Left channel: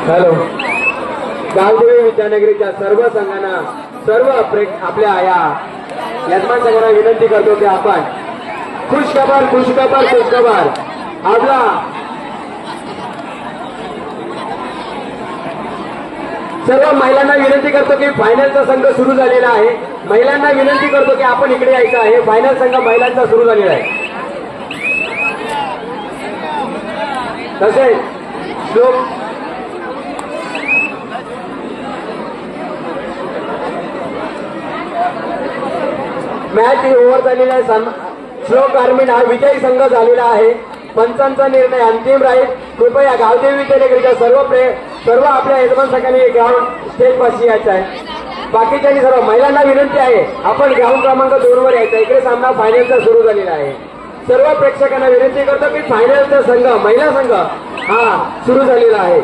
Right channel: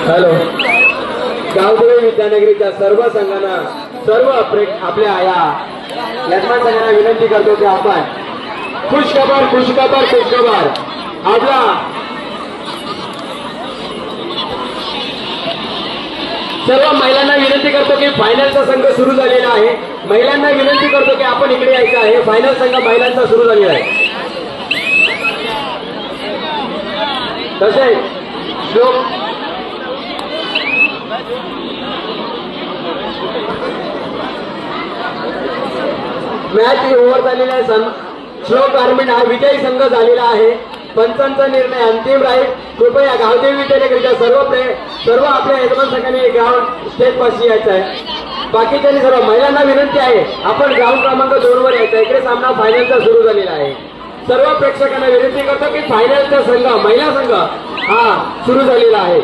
Hello, Gavdevi विद्यानगरीच्या सर्व संघांना, सर्व आपल्या या यजमान संघांना विनंती करतो की आपण खुशखबर खुशखबर खुशखबर आपला सर्व महिलांना विनंती करतो की फायनलचा संघ सुरू झालेला आहे। महिलांना विनंती करतो की आपण इकडे यायचं आहे। फायनल संघ महिलांचा सुरू झालेला आहे। तसेच मॅच ओव्हर झालेला आहे। श्लोक गारमेंट हा विजयी संघ झालेला आहे। पंचांचा निर्णय अंतिम राहील। कृपया गावदेवी विद्यानगरीच्या सर्व आपल्या यजमान संघाने ग्राउंड स्टेज पाशी यायचं आहे। बाकीच्यांनी सर्व महिलांना विनंती आहे आपण ग्राउंड क्रमांक 2 वर यायचं। इकडे सामना फायनलचा सुरू झालेला आहे। सर्व प्रेक्षकांना विनंती करतो की फायनलचा संघ महिला संघ हा सुरू झालेला आहे।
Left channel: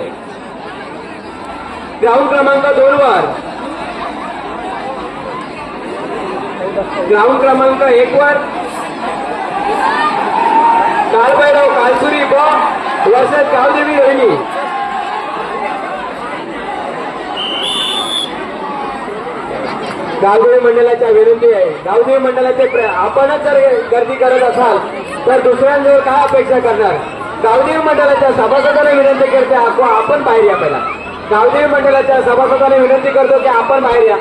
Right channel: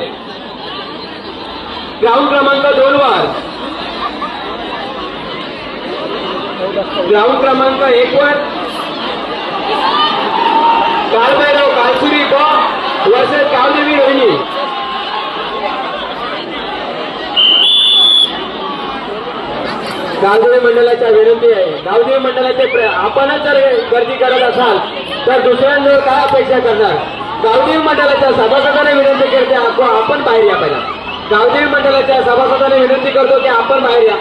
ग्राउंड क्रमांक 2 वर, ग्राउंड क्रमांक 1 वर काळभैरव कालसुरी वर्सेस गावदेवी रोहिणी। गावदेवी मंडळाच्या विनंती आहे। गावदेवी मंडळाचे आपणच जर गर्दी करत असाल तर दुसऱ्यांजवळ काय अपेक्षा करणार। गावदेवी मंडळाच्या सभासदांना विनंती करते आपण बाहेर या। पहिला गावदेवी मंडळाच्या सभासदांना विनंती करतो की आपण बाहेर या।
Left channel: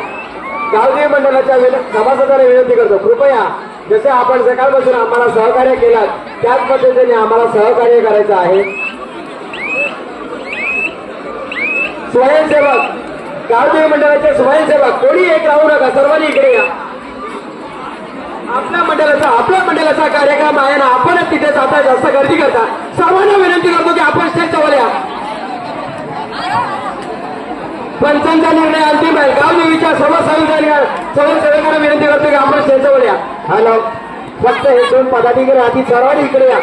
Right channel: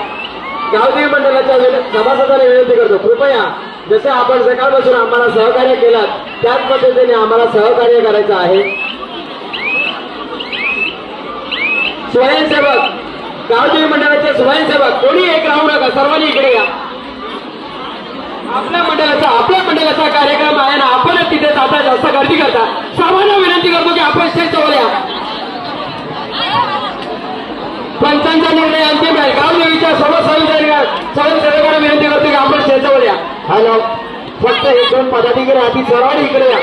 गावदेवी मंडळाच्या सभासदांना विनंती करतो कृपया जसे आपण सकाळपासून आम्हाला सहकार्य केलात त्याच पद्धतीने आम्हाला सहकार्य करायचं आहे। स्वयंसेवक, गावदेवी मंडळाचे स्वयंसेवक कोणी एक राहू नका, सर्वांनी इकडे या। आपल्या मंडळाचा कार्यक्रम आहे ना, आपणच तिथे आपला जास्त गर्दी करता। सर्वांना विनंती करतो की आपण स्टेजवर या। पंचांचा निर्णय अंतिम आहे। गावदेवीच्या सर्व सहकार्यांना विनंती करतो की आपण स्टेजवर या। हॅलो, फक्त हे 2 पदाधिकारी आधी सर्वांनी इकडे या।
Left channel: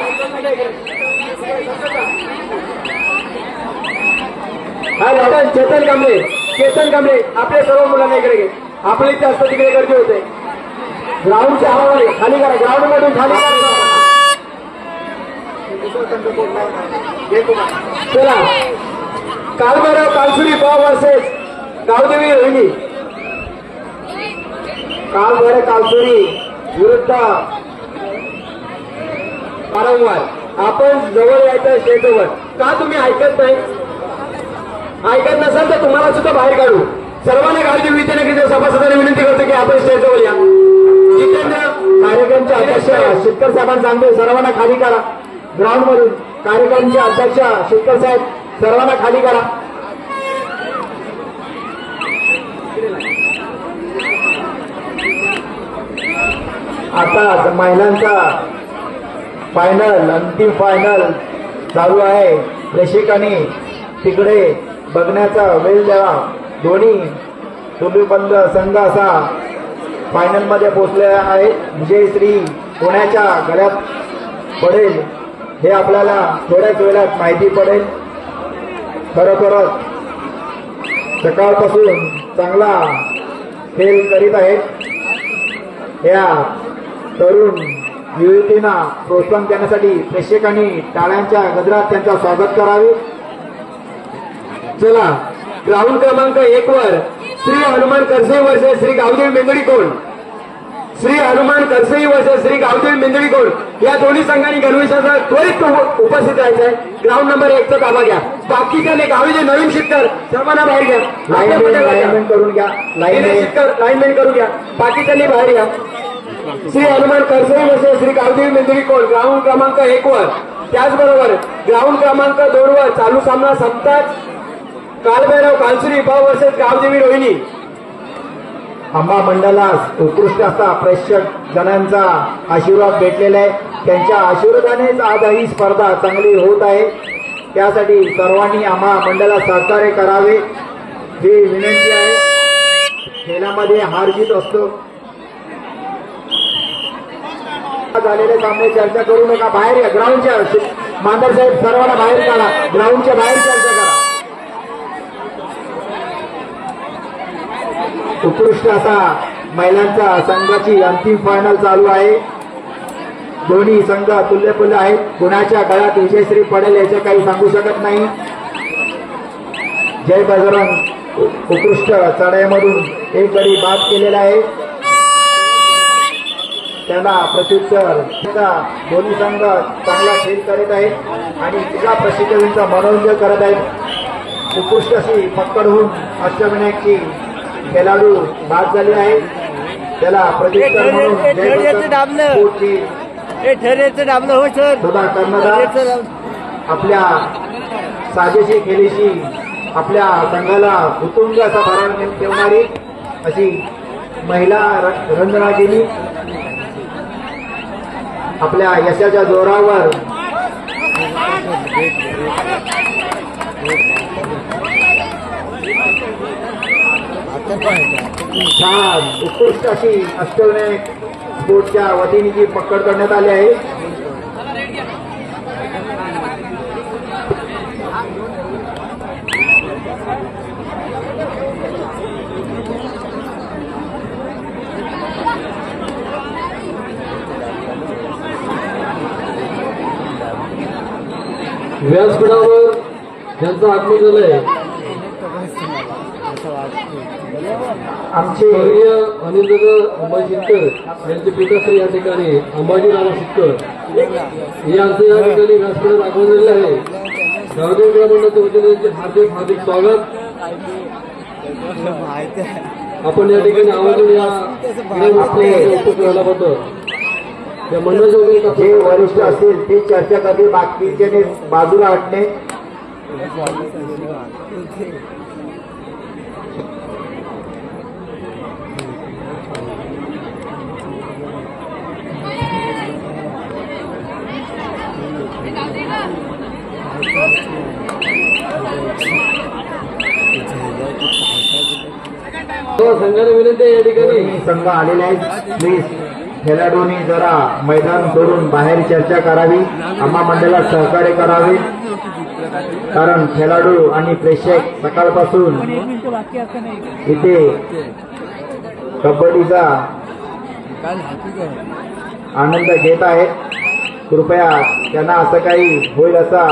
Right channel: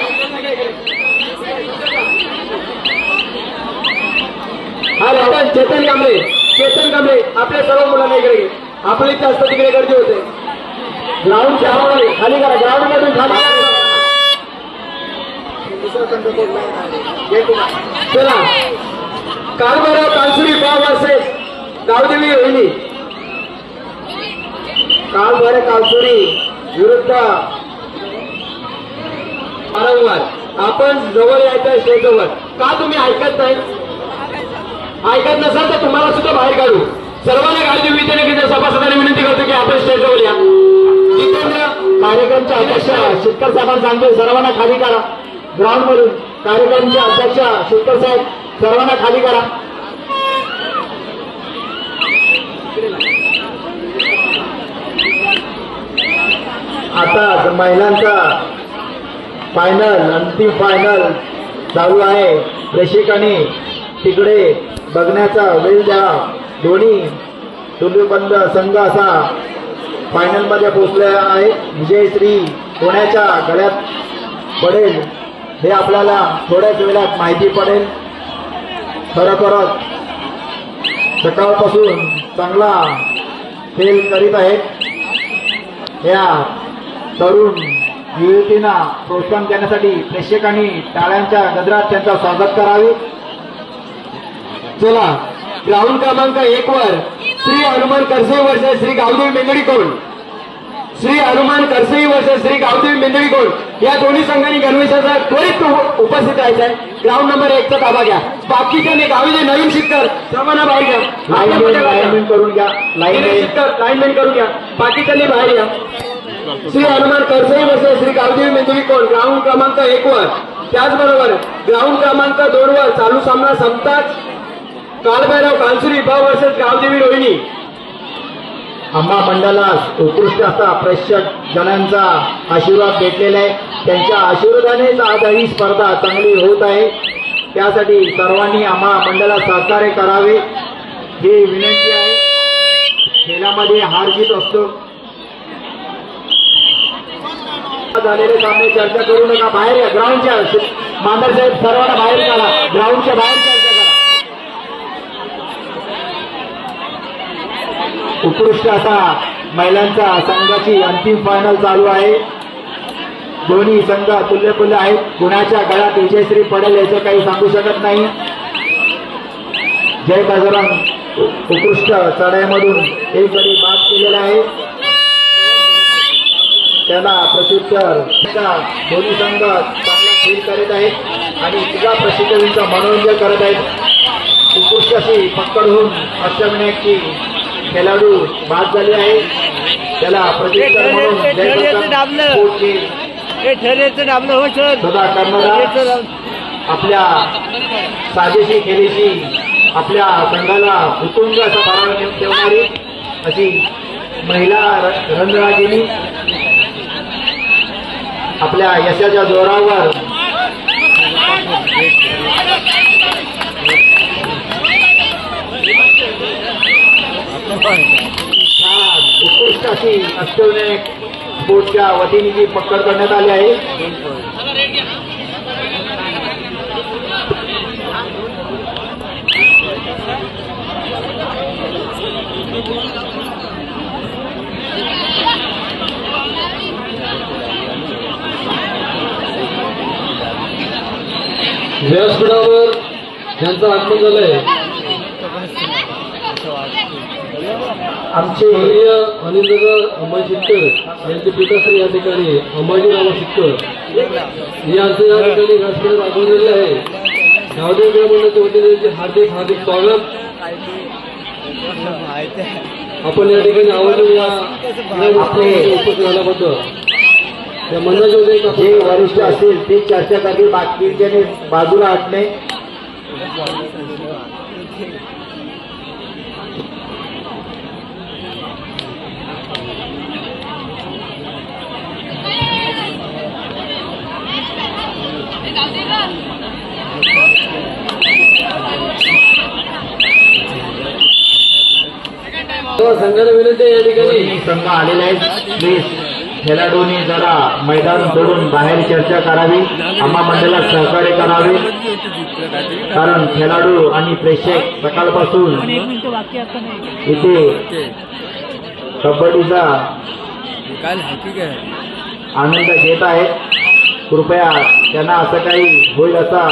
हॅलो, चेतन कांबळे आपले सर्व मुलांना इकडे घे। आपली जास्त तिकडे गर्दी होते। ग्राउंडच्या हवाली खाली करा, ग्राउंड मधून खाली चला। काळभैरव कालसुरी वर्सेस गावदेवी रोहिणी। काळभैरव कालसुरी विरुद्ध वारंवार आपण जवळ यायचं स्टेजवर। का तुम्ही ऐकत नाही? ऐकत नसाल तर तुम्हाला सुद्धा बाहेर काढू। सर्वांना गावदेवी विद्यानगरीच्या सभासदांना विनंती करतो की आपण स्टेजवर या। कार्यक्रमच्या अध्यक्ष शिक्कर साहेबांना सांगतो सर्वांना खाली करा। ग्राउंड मधून कार्यक्रमचे अध्यक्ष शिक्कर साहेब सर्वांना खाली करा। आता महिलांचा फायनल, अंतिम फायनल चालू आहे। प्रेक्षकांनी तिकडे बघण्याचा वेळ द्या। दोन्ही तुल्यबंद संघ असा फायनल मध्ये पोहोचले आहेत। विजयश्री कोणाच्या गळ्यात पडेल हे आपल्याला थोड्याच वेळात माहिती पडेल। खरोखरच सकाळपासून चांगला खेळ करीत आहेत। या तरुण युवतींना प्रोत्साहन देण्यासाठी प्रेक्षकांनी टाळ्यांच्या गजरात त्यांचं स्वागत करावे। चला, ग्राउंड क्रमांक 1 वर श्री हनुमान करसई वर्सेस श्री गावदेवी मेंदळीकोंड। श्री हनुमान करसई वर्सेस श्री गावदेवी मेंदळीकोंड या दोन्ही संघांनी गणवेशाचा त्वरित उपस्थित राहायचं आहे। ग्राउंड नंबर 1 चा ताबा घ्या। बाकीचे गावीचे नवीन शिक्कर सर्वांना बाहेर घ्या। लाईनमेन करून घ्या। लाईनमेन करून घ्या। बाकीच्यांनी बाहेर या। श्री हनुमान करसई वर्सेस श्री गावदेवी मेंदळीकोंड ग्राउंड क्रमांक 1 वर। त्याचबरोबर ग्राउंड क्रमांक 2 वर चालू सामना संपताच काळभैरव कालसुरी वर्सेस गावदेवी रोहिणी। आंबा मंडळास उत्कृष्ट असा प्रेक्षक जनांचा आशीर्वाद भेटलेला आहे। त्यांच्या आशीर्वादानेच आज ही स्पर्धा चांगली होत आहे। त्यासाठी सर्वांनी आंबा मंडळास सहकार्य करावे ही विनंती आहे। खेळामध्ये हार जीत असतो। झालेले सामने चर्चा करू नका, बाहेर या। ग्राउंडच्या मांडर साहेब सर्वांना बाहेर काढा। ग्राउंडच्या बाहेर चर्चा करा। उत्कृष्ट असा महिलांचा संघाची अंतिम फायनल चालू आहे। दोन्ही संघ तुल्यपुल्य आहेत। कुणाच्या गळ्यात विजयश्री पडेल याचे काही सांगू शकत नाही। जय बजरंग उत्कृष्ट चढाईमधून एक गडी बाद केलेला आहे. त्याला प्रत्युत्तर दोन्ही संघ चांगला खेळ करत आहेत आणि तुझ्या प्रसिद्धीचं मनोरंजन करत आहेत. उत्कृष्ट अशी पकड होऊन अष्टविनायकची खेळाडू बाद झाली आहे. त्याला प्रत्युत्तर आपल्या साजेशी खेळीशी आपल्या संघाला उत्तुंग असा पराभव ठेवणारी अशी महिला रणरागिणी आपल्या यशाच्या जोरावर छान उत्कृष्ट अशी अष्टविनायक स्पोर्टच्या वतीने जी पकड करण्यात आली आहे. व्यासपीठावर ज्यांचं आगमन झालंय आमचे अनिलनगर अंबाजी शिटकर यांचे पिताश्री या ठिकाणी अंबाजीराव शिटकर यांचे या ठिकाणी व्यासपीठावर आगमन झालेले आहे. गावदेव ग्रामस्थांच्या वतीने यांचे हार्दिक हार्दिक स्वागत. आपण या ठिकाणी आवर्जून या होतं जे वरिष्ठ असेल ते चर्चा करणे बाकीचे बाजूला हटणे. संघाला विनंती या ठिकाणी संघ आलेले आहेत. प्लीज खेळाडूंनी जरा मैदान सोडून बाहेर चर्चा करावी. आम्हा मंडळाला सहकार्य करावे कारण खेळाडू आणि प्रेक्षक सकाळपासून इथे कबड्डीचा आनंद घेत आहेत. कृपया त्यांना असं काही होईल असा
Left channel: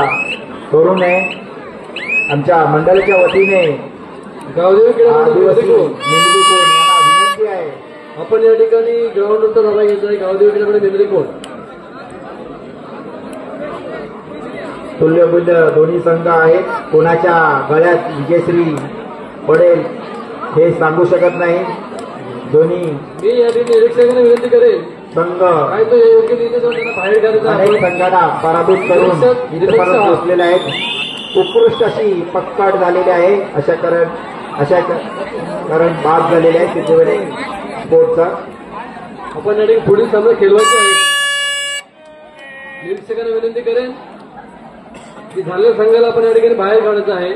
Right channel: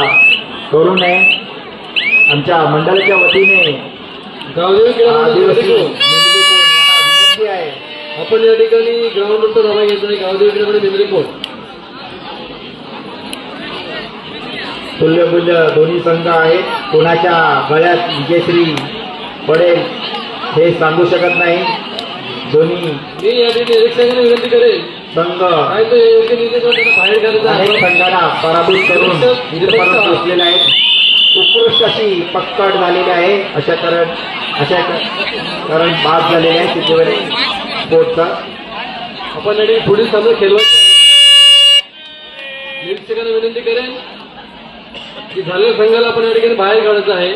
करू नये. आमच्या मंडळाच्या वतीने आदिवासी विनंती आहे. आपण या ठिकाणी ग्राउंड नंतर धावा घ्यायचा आहे. गावदेवीकडे मेमरी कोण तुल्यबुल्य दोन्ही संघ आहेत. कोणाच्या गळ्यात विजयश्री पडेल हे सांगू शकत नाही. दोन्ही मी या ठिकाणी निरीक्षकांना विनंती करेन संघ काय तो योग्य निर्देशांना बाहेर काढायचा अनेक संघांना पराभूत करून इथपर्यंत पोहोचलेले आहेत. उत्कृष्ट अशी पक्काट झालेली आहे. अशा कारण बाद झालेले आहे चित्रवरी स्पोर्टचा. आपण या ठिकाणी पुढील सामना खेळवायचा आहे. निरीक्षकांना विनंती करेन की झालेल्या संघाला आपण या ठिकाणी बाहेर काढायचं आहे.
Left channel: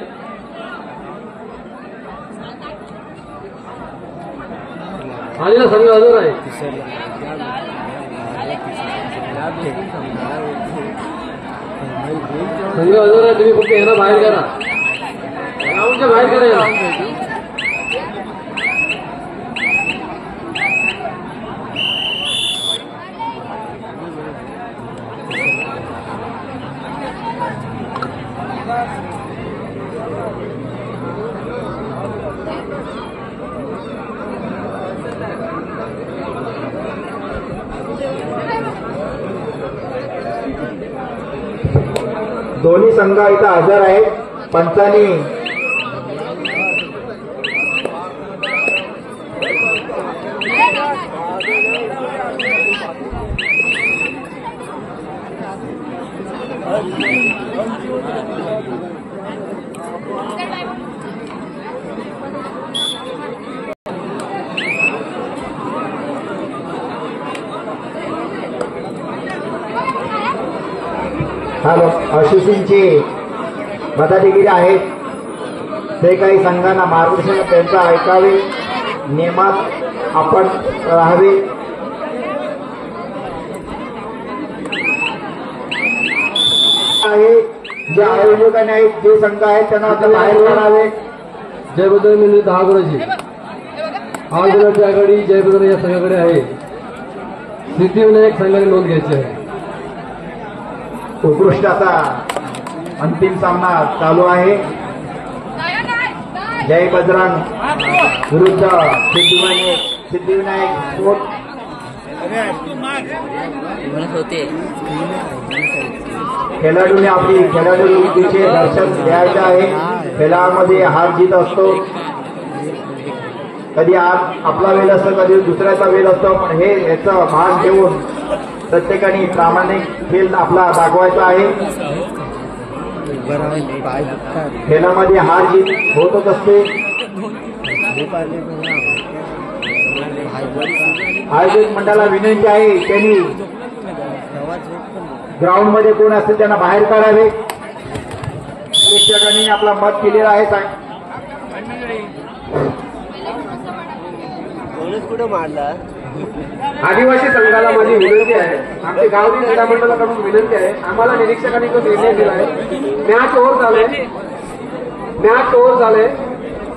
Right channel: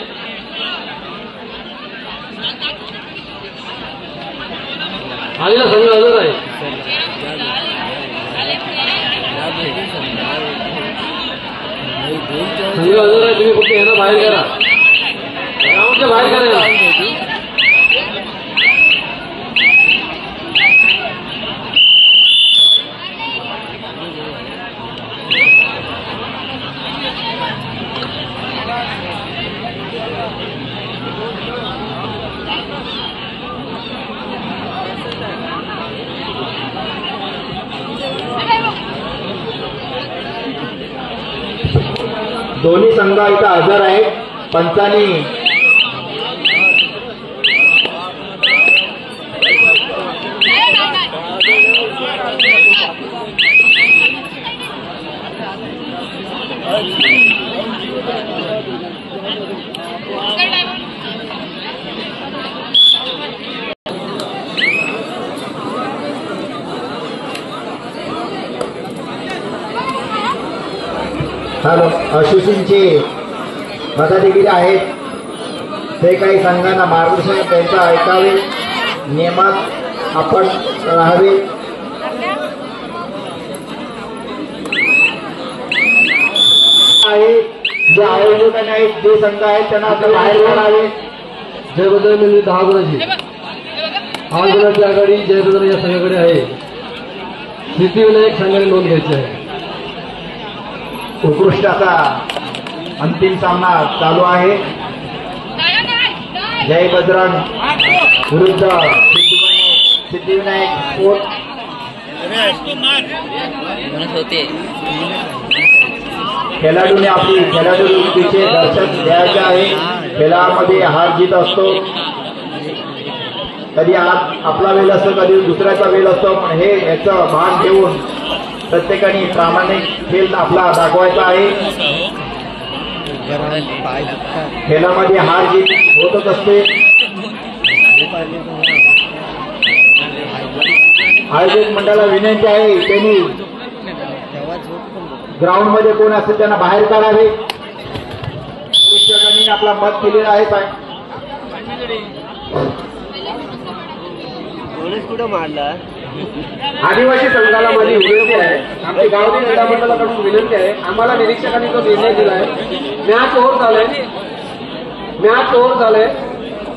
आलेला संघ हजर आहे. संघ हजर आहे. तुम्ही फक्त यांना बाहेर करा. बाहेर करा. दोन्ही संघ इथं हजर आहेत. पंचांनी आशिषींचे मताधिकारी आहेत. ते काही संघांना मार्गदर्शन त्यांचं ऐकावे. नियमात आपण राहावे. जे आयोजक आहेत जे संघ आहेत त्यांना आपण बाहेर काढावे. जय बद्दल म्हणजे 10 गुणाची 8 गुणाची आघाडी जय बद्दल या संघाकडे आहे. सिद्धिविनायक संघाने नोंद घ्यायची आहे. उत्कृष्ट असा अंतिम सामना चालू आहे. जय बजरंग विरुद्ध सिद्धिविनायक स्पोर्ट खेळाडूने आपली खेळाडूचे दर्शन घ्यायचे आहे. खेळामध्ये हार जीत असतो, कधी आपला वेळ असतो, कधी दुसऱ्याचा वेळ असतो, पण हे याचा भाग घेऊन प्रत्येकाने प्रामाणिक खेळ आपला दाखवायचा आहे. खेळामध्ये हार जीत होतच असते. आयोजक मंडळाला विनंती आहे, त्यांनी ग्राउंड मध्ये कोण असेल त्यांना बाहेर काढावे. प्रेक्षकांनी आपला मत केलेला आहे. आदिवासी संघाला माझी विनंती आहे, आमच्या गावठी क्रीडा मंडळाकडून विनंती आहे, आम्हाला निरीक्षकांनी तो निर्णय दिला आहे. मॅच ओव्हर झाले,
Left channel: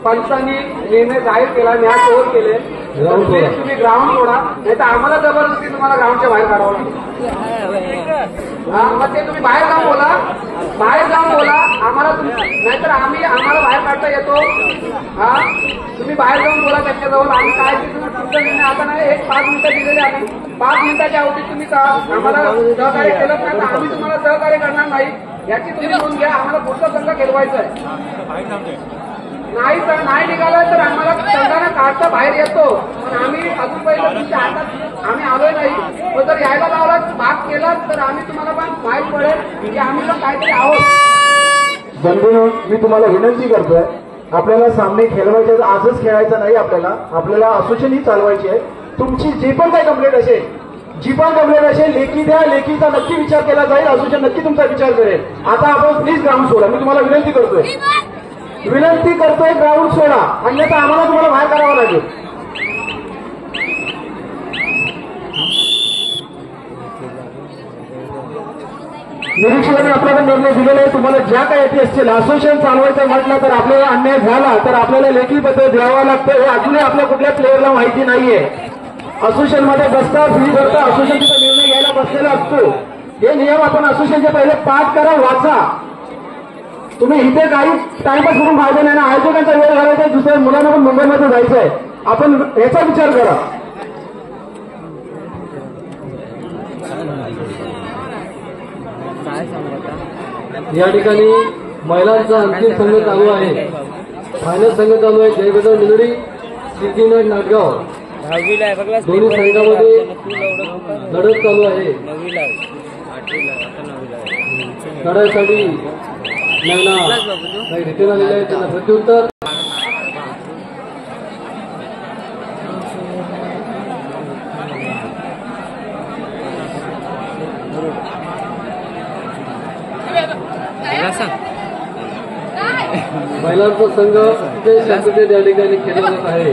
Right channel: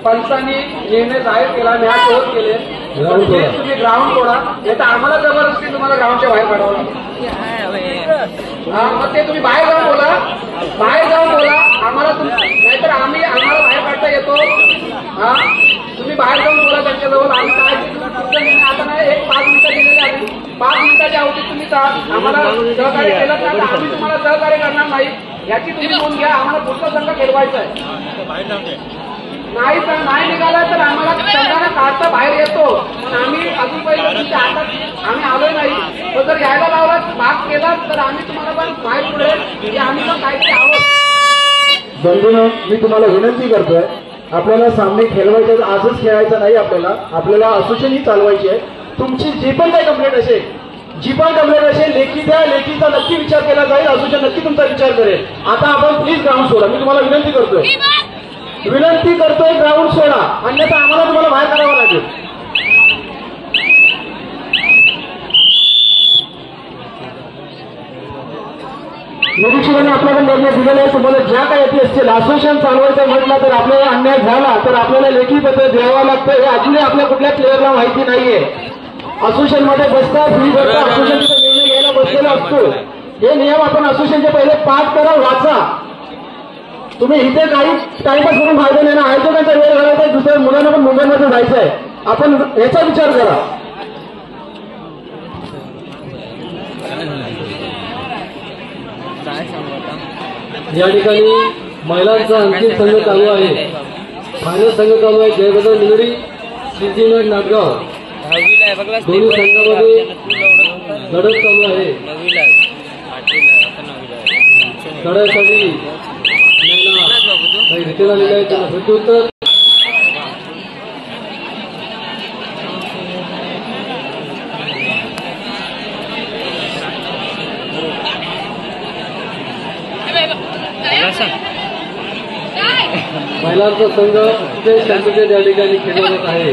पंचांनी निर्णय जाहीर केला, मॅच ओव्हर केले. तुम्ही ग्राउंड सोडा, नाही तर आम्हाला जबरदस्ती तुम्हाला ग्राउंडच्या बाहेर काढावं लागेल. मग ते तुम्ही बाहेर जाऊन बोला आम्हाला, नाहीतर आम्हाला बाहेर काढता येतो. हा, तुम्ही बाहेर जाऊन बोला त्यांच्याजवळ. आम्ही काय ते तुम्ही तुमचा निर्णय आता नाही, एक 5 मिनिटं दिलेले आहे. 5 मिनिटाच्या अवधीत तुम्ही आम्हाला सहकार्य केलं तर आम्ही तुम्हाला सहकार्य करणार नाही, याची तुम्ही नोंद घ्या. आम्हाला पुढचा संघ खेळवायचा नाही निघाला तर आम्हाला संघाने काढता बाहेर येतो. आम्ही अजूनपर्यंत तुमच्या हातात आम्ही आलो नाही. तो जर यायला लावला भाग केला तर आम्ही तुम्हाला पण माहीत पडेल की आम्ही पण काहीतरी आहोत. बंधूंनो, मी तुम्हाला विनंती करतोय, आपल्याला सामने खेळवायचे आजच खेळायचं नाही. आपल्याला असोसिएशन ही चालवायची आहे. तुमची जी पण काही कंप्लेंट असेल लेखी द्या. लेखीचा नक्की विचार केला जाईल. असोसिएशन नक्की तुमचा विचार करेल. आता आपण प्लीज ग्राउंड सोडा. मी तुम्हाला विनंती करतोय ग्राउंड सोडा, अन्यथा आम्हाला तुम्हाला बाहेर काढावं लागेल. निरीक्षकाने आपल्याकडे निर्णय दिलेला आहे. तुम्हाला ज्या काही येते असतील असोसिएशन चालवायचं म्हटलं तर आपल्याला अन्याय झाला तर आपल्याला लेखी पत्र द्यावं लागतं. हे अजूनही आपल्या कुठल्या प्लेअरला माहिती नाहीये. असोसिएशन मध्ये बसतं, फी भरतं, असोसिएशनचा निर्णय घ्यायला बसलेला असतो. हे नियम आपण असोसिएशनचे पहिले पाठ करा, वाचा. तुम्ही इथे काही टाइमपास करून फायदा नाही ना. आयोजकांचा वेळ घालायचा, दुसऱ्या मुलांना पण मुंबईमध्ये जायचं आहे. आपण याचा विचार करा. या ठिकाणी महिलांचा अंतिम संघ चालू आहे. फायनल संघ चालू आहे. जयबदर निगडी, सिद्धिविनायक नाटगाव. दोन्ही संघामध्ये लढत चालू आहे. लढाईसाठी काही घेतलेला गेला आहे, त्यांना प्रत्युत्तर. महिलांचा संघ त्या ठिकाणी खेळत आहे.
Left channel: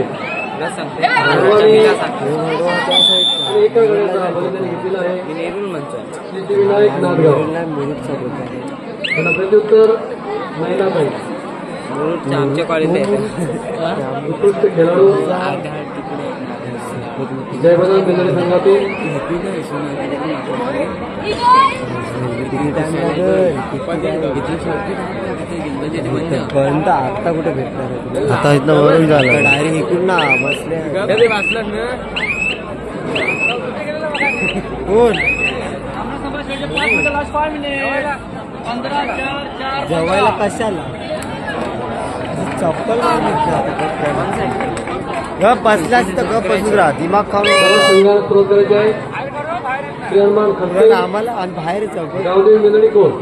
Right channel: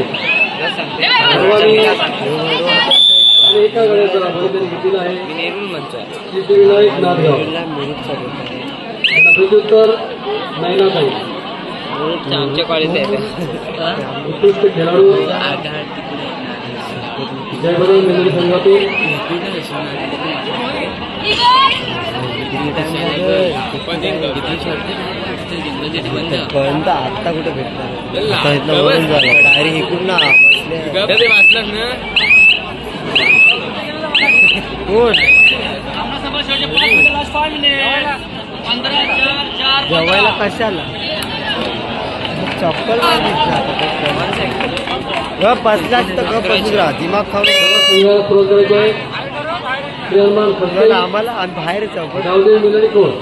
एका वेळेचा अभ्यास घेतलेला आहे. सिद्धिविनायक नाटगाव. त्यांना प्रत्युत्तर महिलाताई. आमच्या कॉलेज उत्कृष्ट खेळाडू जयबदर मंदिर संघातून आता कुठे भेटणार, आता इथं वरून झालं डायरेक्ट इकडून ना जेवायला कशाला चप्पल बसलाच तर बसून दिमाग खाऊन आम्हाला बाहेर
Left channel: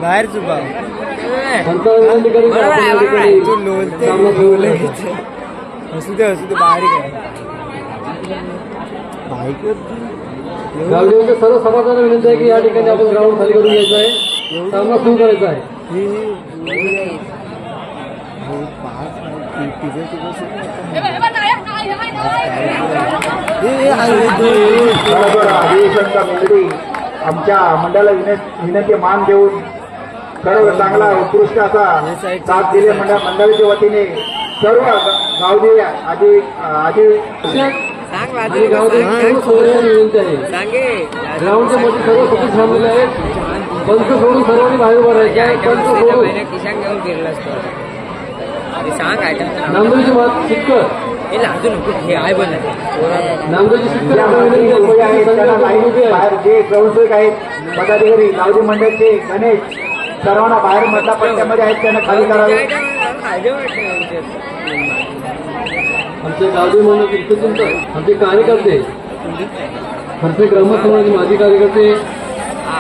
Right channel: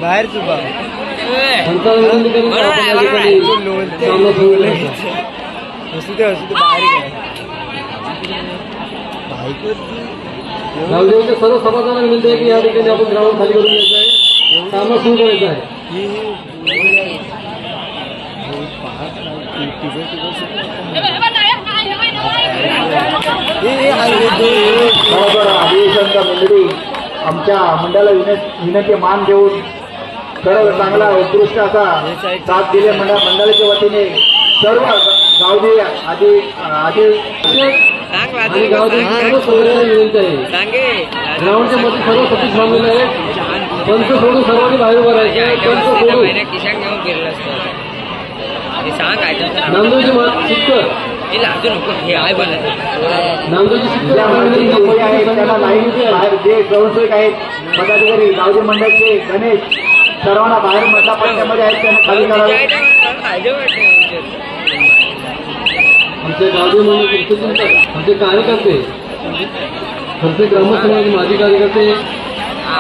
बाहेर चुका असू दे बाहेर गावदेवीच्या सर्व सभासदांना विनंती आहे की या ठिकाणी आपण ग्राउंड खाली करून घ्यायचं आहे. सामना सुरू करायचा आहे. अधिवेशनच्या मंडळी आमच्या मंडळाला विनंती मान देऊन सर्व चांगला उत्कृष्ट असा साथ दिले मंडळाच्या वतीने सर्व गावदे आधी विनंती आहे. ग्राउंडच्या मध्ये सर्व सतीश थांबलेले आहेत. त्यांचं सोडून सर्वांनी बाहेर उभं राहायचं. किशान घेऊन फिरला असतो. नांदूरची मात शिक्कर नांदूरची जे गौसेक आहेत पदाधिकारी गावडी मंडळाचे गणेश सर्वांना बाहेर मोठ्या पट्ट्यामध्ये आहेत त्यांना खाली करावे. आमचे गावडी मंडळ आमचे कार्यकर्ते आमचे ग्रामसभा माजी कार्यकर्ते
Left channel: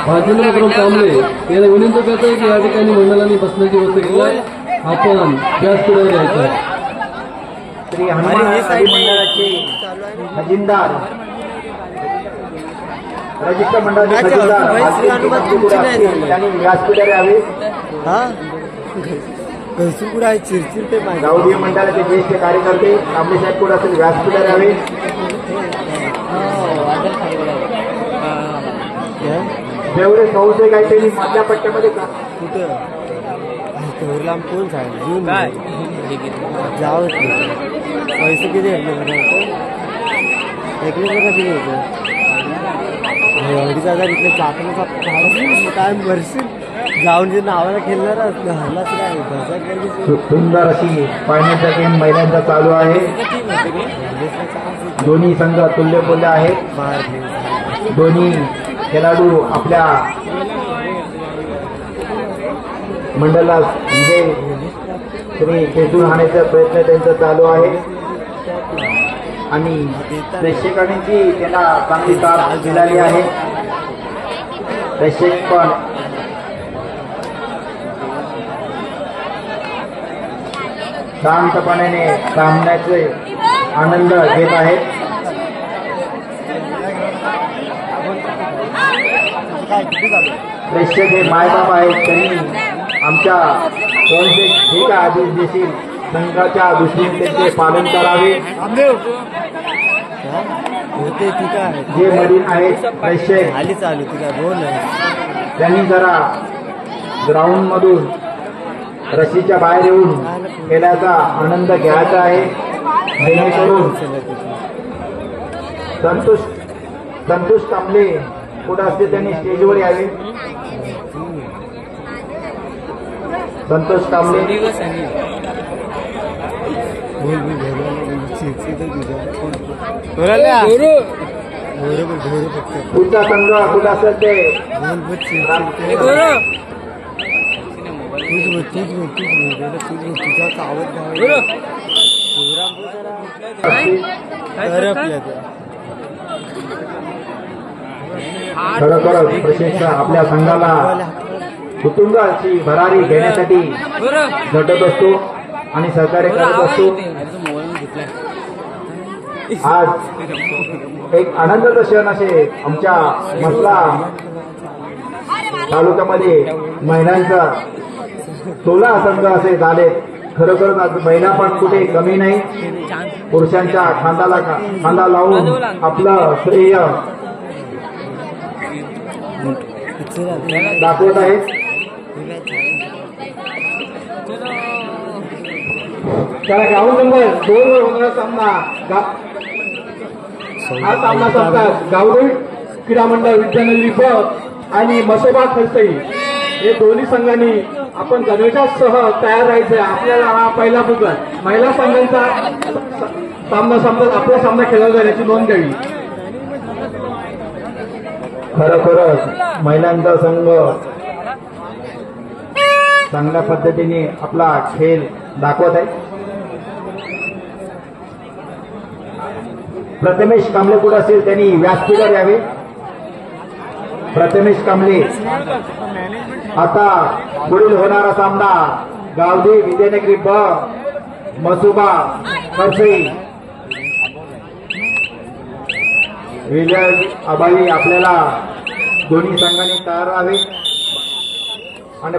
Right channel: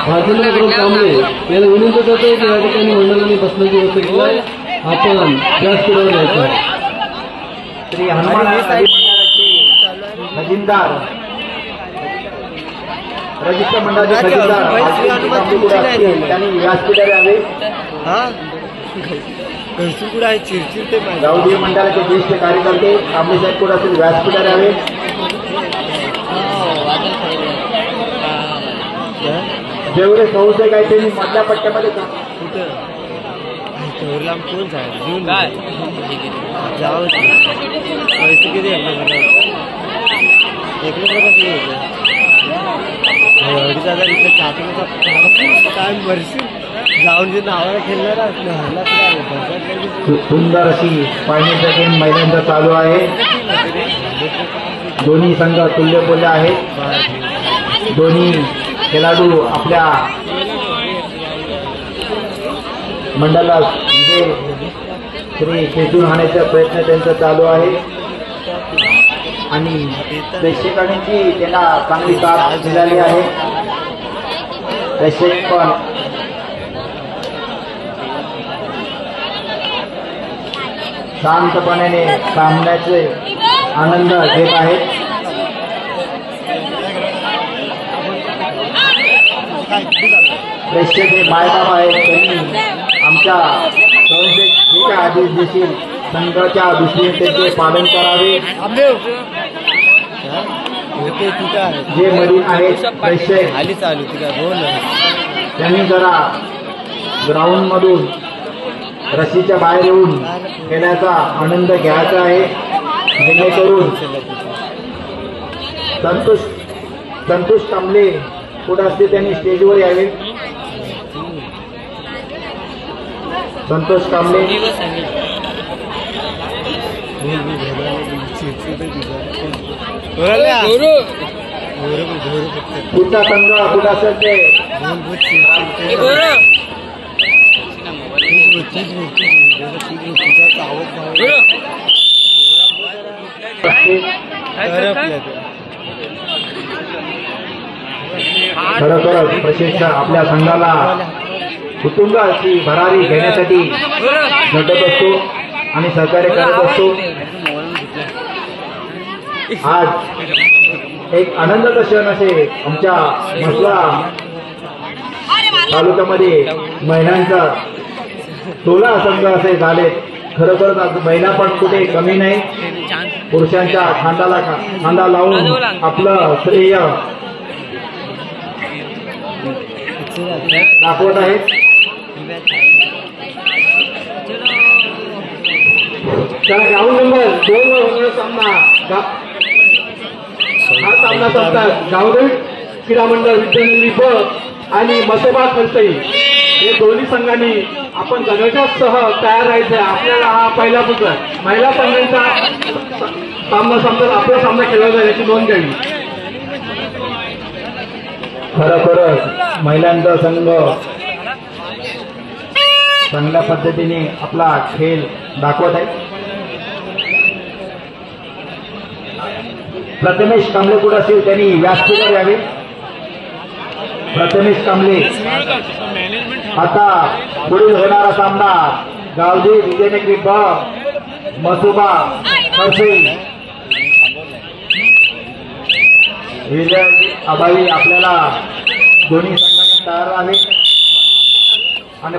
राजेंद्र करून कांबळे याला विनंती करतो की या ठिकाणी मंडळाने बसण्याची व्यवस्था केली. आपण जास्त वेळ घ्यायचा. श्री हनुमान गावडी मंडळाचे खजिनदार रजिस्टर मंडळाचे खजिनदार त्यांनी व्यासपीठावर यावे. गावडी मंडळाचे ज्येष्ठ कार्यकर्ते कांबळे साहेब पुढे असेल व्यासपीठावर यावे. जेवढे संशय काय त्यांनी मधल्या पट्ट्यामध्ये जाऊ पैसे किती अडीच हजार इकडे चाकण्याचा काय भरशील जाऊन जे नावाला खेळणार सुंदर अशी पाहण्यासाठी महिलांचा चालू आहे. दोन्ही संघ तुल्यबोल्य आहेत. दोन्ही खेळाडू आपल्या मंडळाला विजय श्री खेचून आणण्याचा प्रयत्न त्यांचा चालू आहे आणि प्रेक्षकांची त्यांना चांगली साथ मिळाली आहे. प्रेक्षक पण शांतपणे सामन्याचे आनंद घेत आहेत. प्रेक्षक हे मायबाप आहेत. त्यांनी आमच्या कोणते ठीक आहे आदेश देशील संघाच्या दृष्टीने त्यांचे पालन करावे. जे मधील आहेत प्रेक्षक आली चालू तुझा बोल त्यांनी जरा ग्राउंड मधून रशीच्या बाहेर येऊन खेळाचा आनंद घ्यायचा आहे. जेणेकरून संतोष कांबळे पुढे असते त्यांनी स्टेजवर यावे. संतोष कांबळे पुढचा संघ कुठं असेल ते खरोखर प्रशिक्षक आपल्या संघाला कुटुंबाची भरारी घेण्यासाठी झटत असतो आणि सहकार्य करत असतो. आज एक आनंदाचा क्षण असे आमच्या म्हसला तालुक्यामध्ये महिलांचा 16 संघ असे झाले. खरोखर महिला पण कुठे कमी नाही. पुरुषांच्या खांदा लावून आपलं श्रेय दाखवत आहे. त्याला ग्राउंड नंबर 2 वर होणारा सामना हा सामना करतात गावदेवी क्रीडा मंडळ विद्यानगरी बस आणि मसोबा खलसई हे दोन्ही संघांनी आपण गणवेशासह तयार राहायचे. आपल्याला हा पहिला पुढचा महिला संघांचा सामना संपत आपला सामना केला जाईल याची नोंद घ्यावी. खरोखरच महिलांचा संघ चांगल्या पद्धतीने आपला खेळ दाखवत आहे. प्रथमेश कांबळे कुठे असेल त्यांनी व्यासपीठावर यावे. प्रथमेश कांबळे आता पुढील होणारा सामना गावदेवी विजयनगरी ब मसोबा खलसई विजय अभावी आपल्याला दोन्ही संघाने तयार राहावे आणि